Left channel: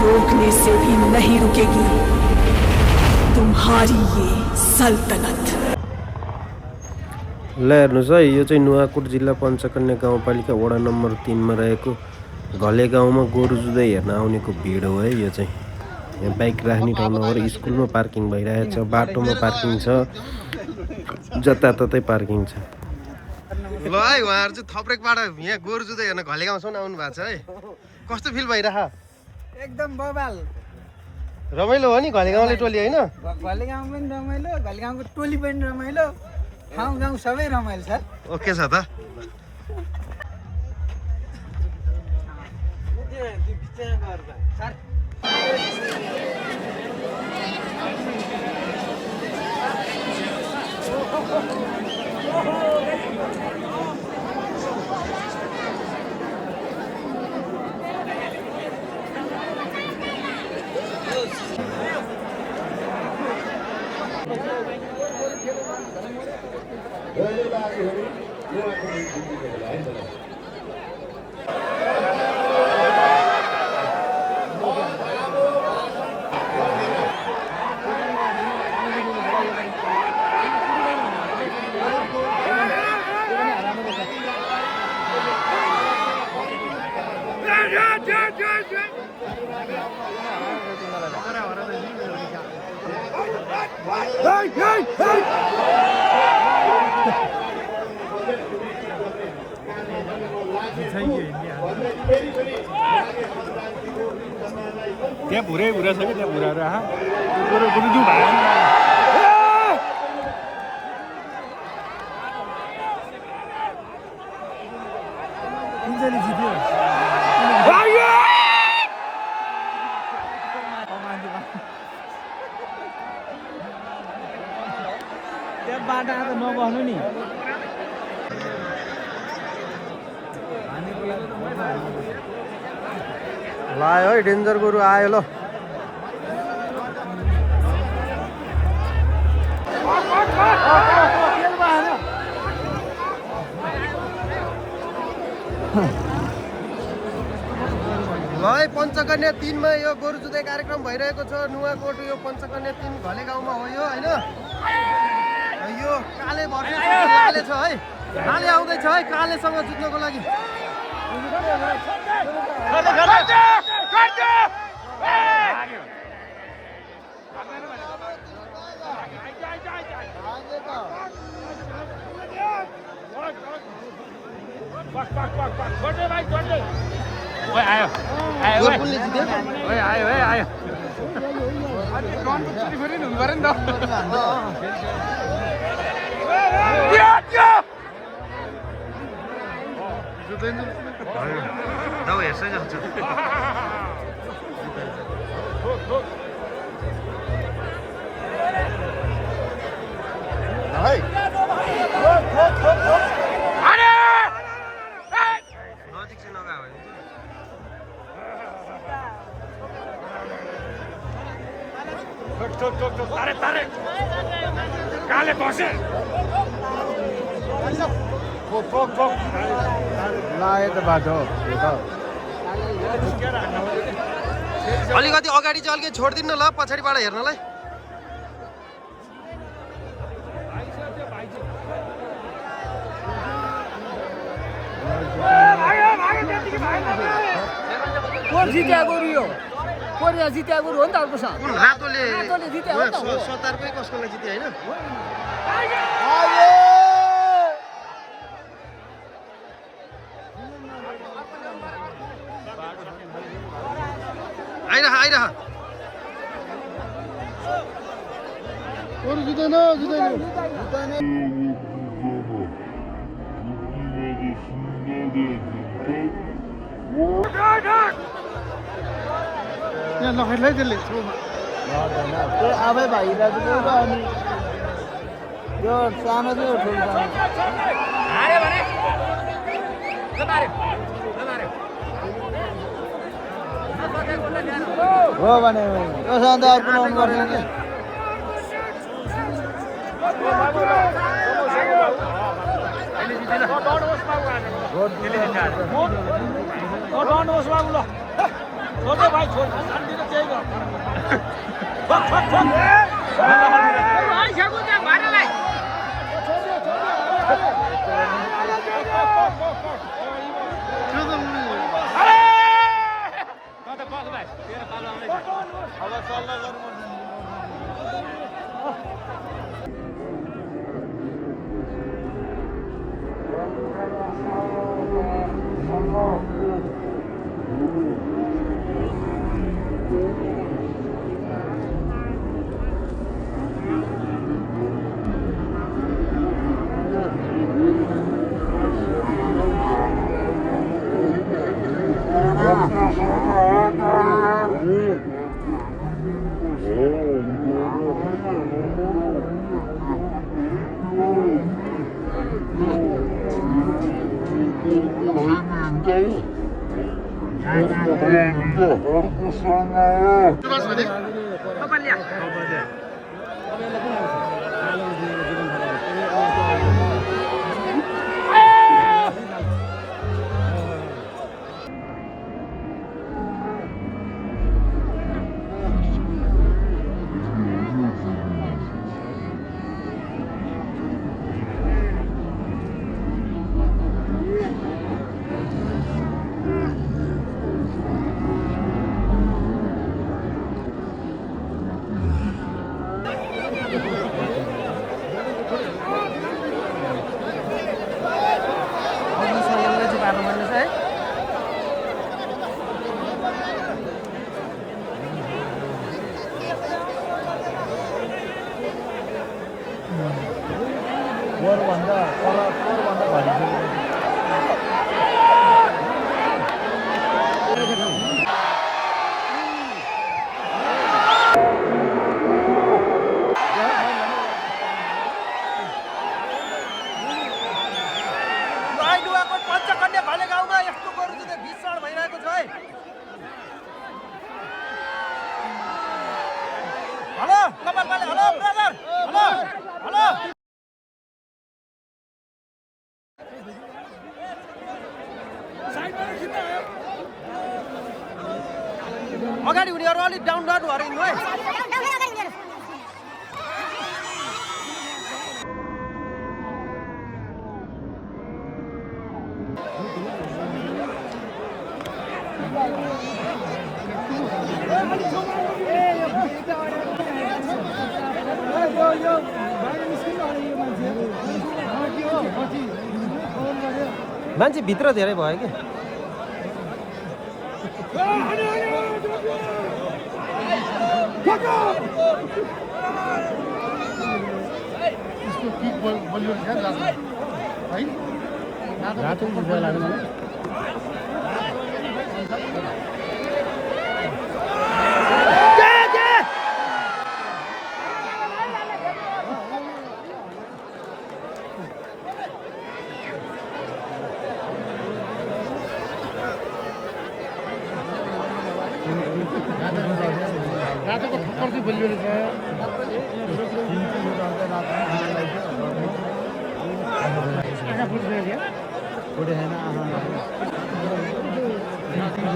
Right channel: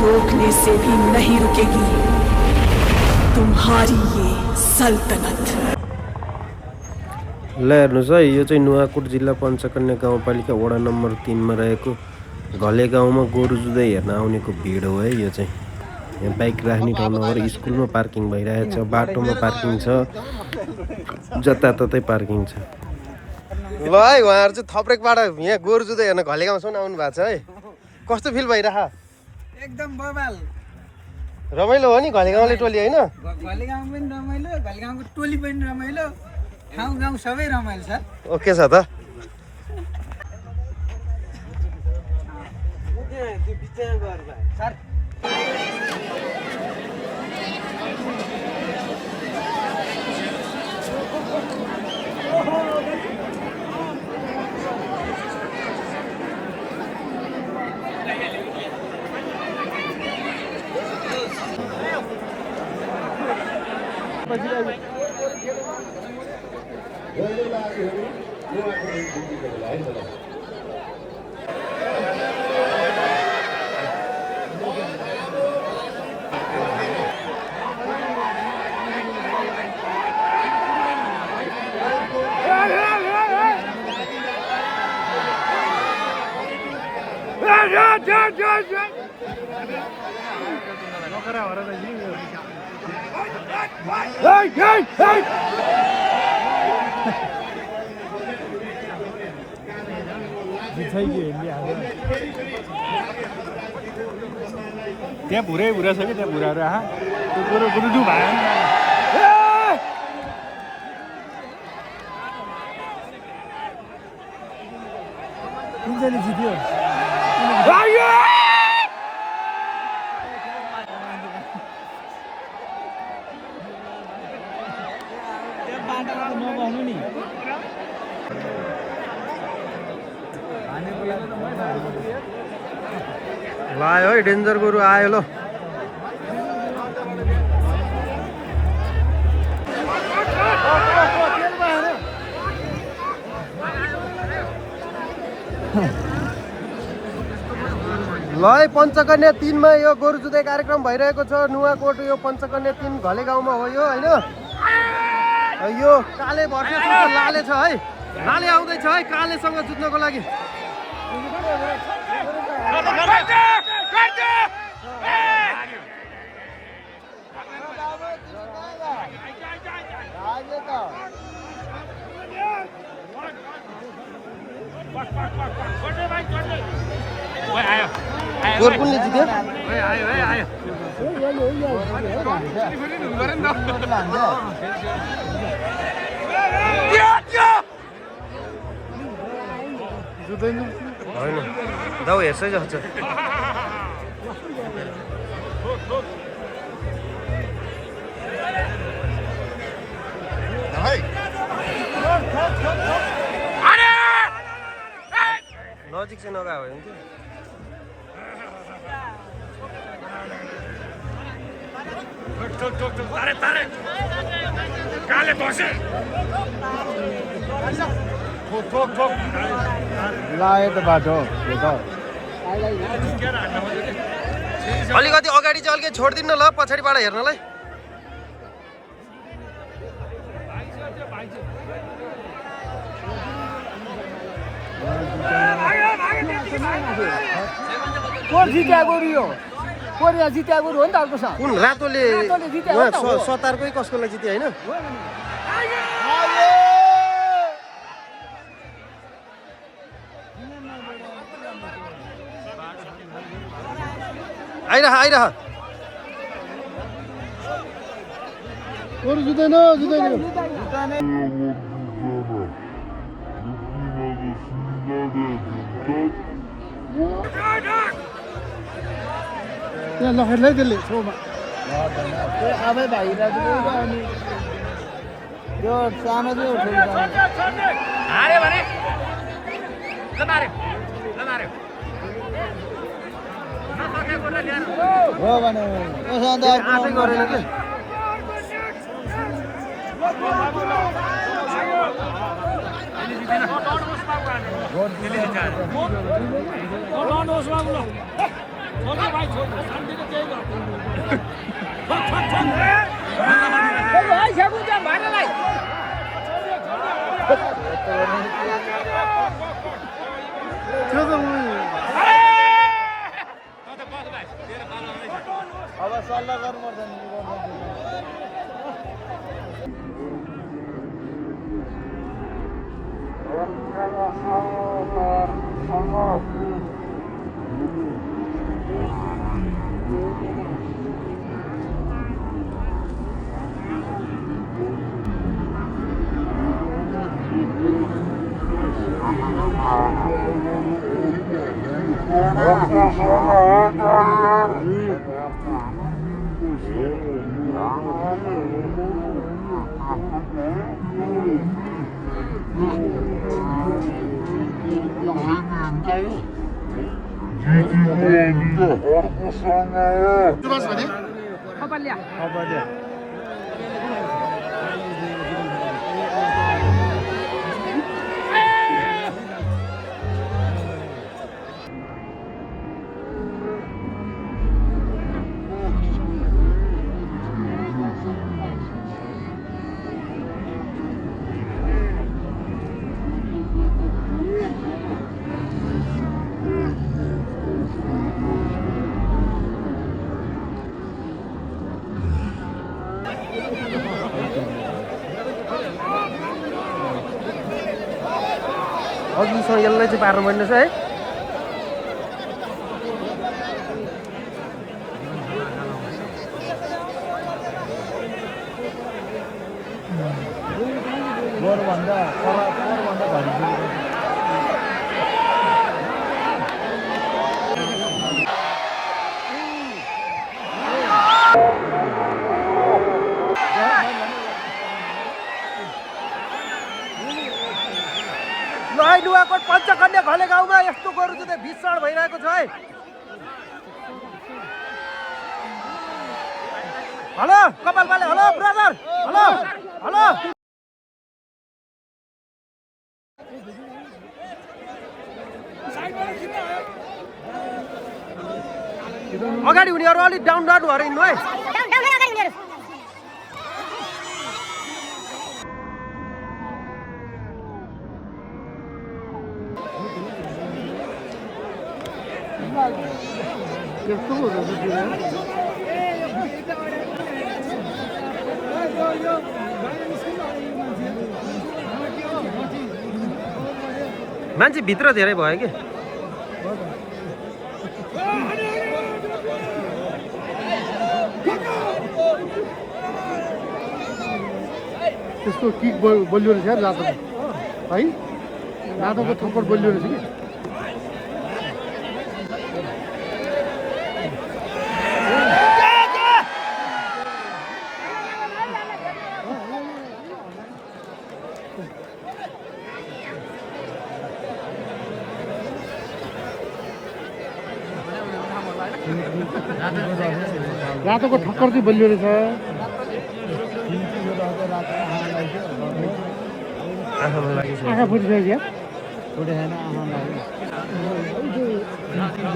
रोकने से भी नहीं रुकेगी तुम्हारी ये सल्तनत। ल हेर्नुहोस् है, यो चाहिँ नुवाकोट जिल्ला पञ्चकन्या गाउँपालिका वडा नम्बर 3 मा रहेको घले गाउँमा गोरु जुधाइ हेर्न आउनेको भिड हो है। यो चाहिँ यहाँ बाइक राख्ने ठाउँ नभएर स्कुलमा पार्किङ भइरहेछ, बाटोमा पार्किङ छ, जताततै पार्किङ छ। ल है, उहाँहरू चाहिँ थप्रेकबाट यहाँ गोरु जुधाइ हेर्न घले गाउँसम्म आउनु भएको छ है। कस्तो फिल भइरह? एकदम बबाल रमाइलो हो नि घले गाउँले टोली होइन? घले गाउँ पनि रमाइलो, घले गाउँको टोली पनि रमाइलो, ठाउँ गाउँ सबै रमाइलो सर। ओके छ त। सर त्यहाँ भुरै भुरा छ कि त्यहाँ भुराहरू आहा त्यो गुरुजु भयो कुन चाहिँ जित्यो त्यहाँ बाटा त नबस्नु नि लायो है, डेन्जर गोरु आयो ल। ल है, पञ्चकन्या 3 मा यो गोरु जुधाइ कार्यक्रम भइरहेको छ। नुवाकोट यो पञ्चकन्या 3 घले गाउँमा हो यो होइन। यो काले भर्सेस लाले छ है, लाले आउँदैछ है कालेसँग जुत्नको लागि। गोरु कुनले जित्यो? होइन दाउ हेर्छै जान्छ। नजिक चाहिँ नगयो भने चाहिँ लागेको बाटो अलिकति अगाडि चाहिँ अलिकति छोडिदिनु ल, पछाडिबाट हेर्नलाई। को जित्या गोरु यो कोरिया जित्या गोरु हो नि त अर्को छ कुन रातोले जित्या हो नि त? सतारकै कसकोलाई जित्यो होइन? आइरह आइरह गोरु जित्दैन जित्दैन यहाँ लखरलाई त्यसले त्यो आफै भाइरहेको थियो अनि यो सानो चाहिँ ठुलो हो भने यो सधैँ अर्को गरेन कि अघिसम्म यसलाई चाहिँ पार्नु पर्ने छ है नुवाकोट पञ्चकन्या घले गाउँमा यस्तो गोरु जुधे भीषण भइरहेको छ है हेलो कपाल पाले हेलो ब्रदर हेलो हेलो अगाडि हुनेहरू अलिक डाउन डाउन भएर हिँड्नु है मान्छे भित्र धेरै भयो कि त्यसको किक बलियो रहेछ लाटो है लाटोको थोपर बलियो रहेछ रातोको ठक्कर चाहिँ बलियो रहेछ आँखा फुटिसक्यो क्या फुटे छैन आँखा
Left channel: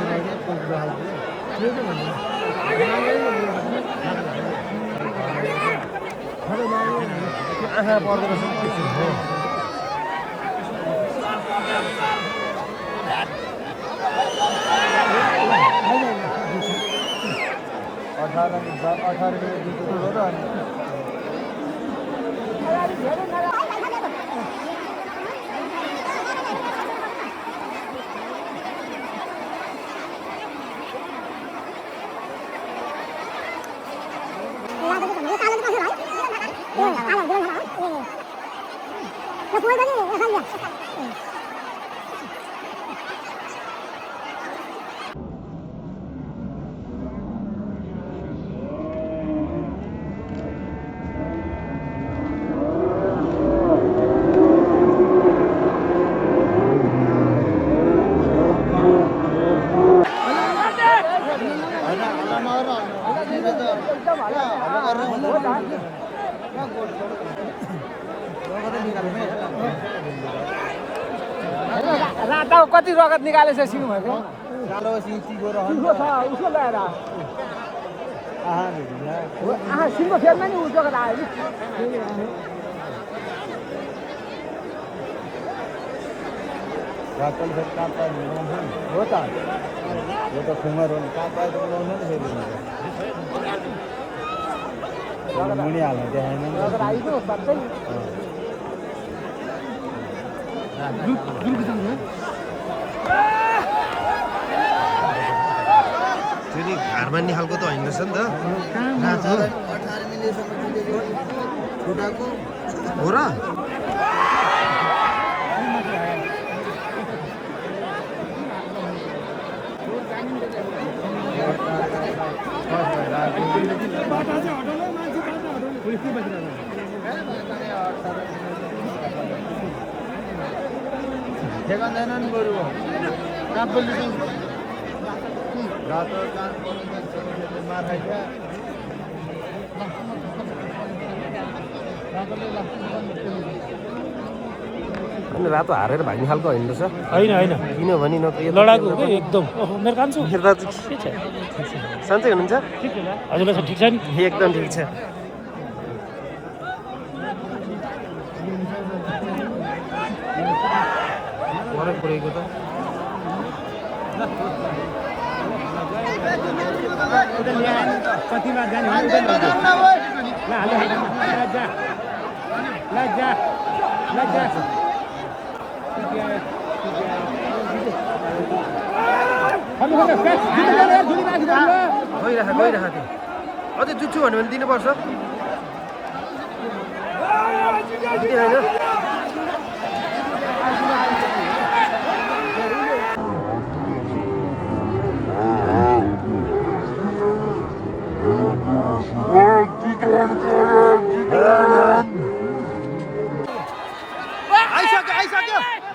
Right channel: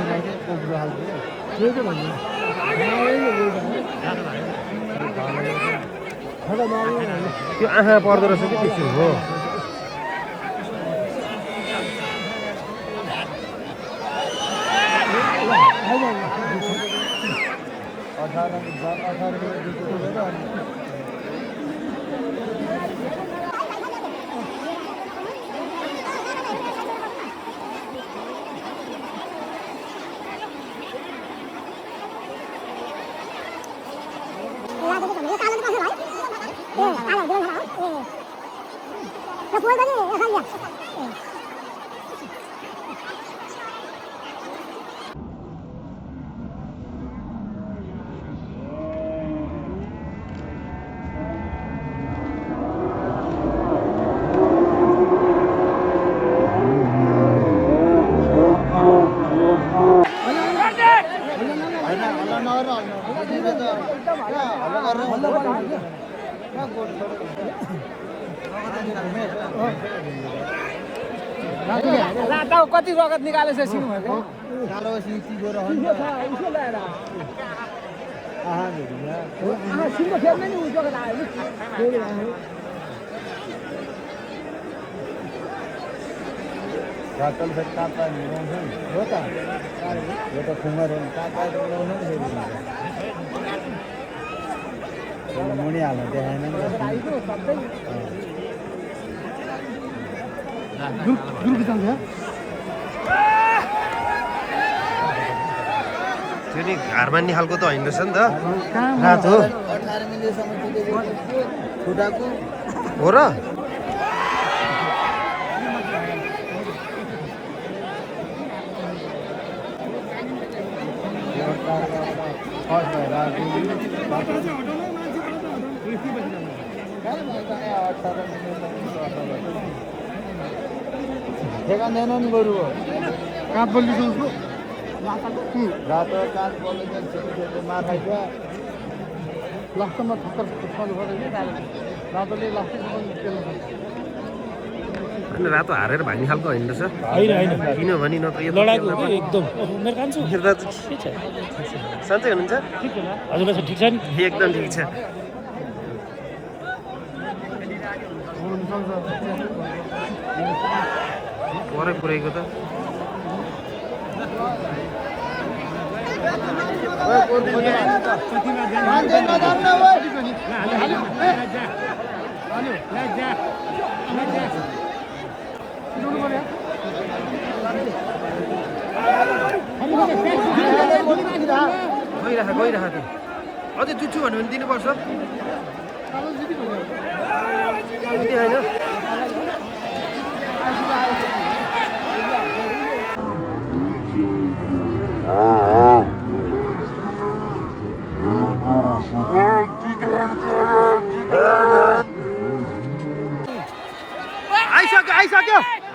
त्यो आँखा पर्दो रहेछ कि त्यस्तो हो राताको कति रगत निकालेछ सिङ भएको कालो सिङ चिगो र उसको ल्याएर सिङको फेदमा नि उसको आयो नि रातल फेरि काट्दा मिलाउँछ हो त यो त खुङ्गर हो काट्दा त मिलाउँछ नि फेरि मुनि हाल्न देखाएन नि त। आइको सबै त्यो नि घरमा खालको त होइन रहेछ नि त रातो हो र ठेगाउँदैन नि बरु रातो अनि रातो हारेर भाग्ने खालको होइन रहेछ होइन होइन किनभने नत्र यो लडाकु हो कि एकदम मेरो कान्छो मेरो दाजु के छ सन्चै हुनुहुन्छ ठिक छ हजुरलाई ठिक छ नि एकदम ठिक छ परै पुऱ्याएको त गइराख त्यो अझै जुच्छु भन्यो भने दिनुपर्छ होइन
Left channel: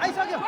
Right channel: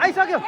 आइसक्यो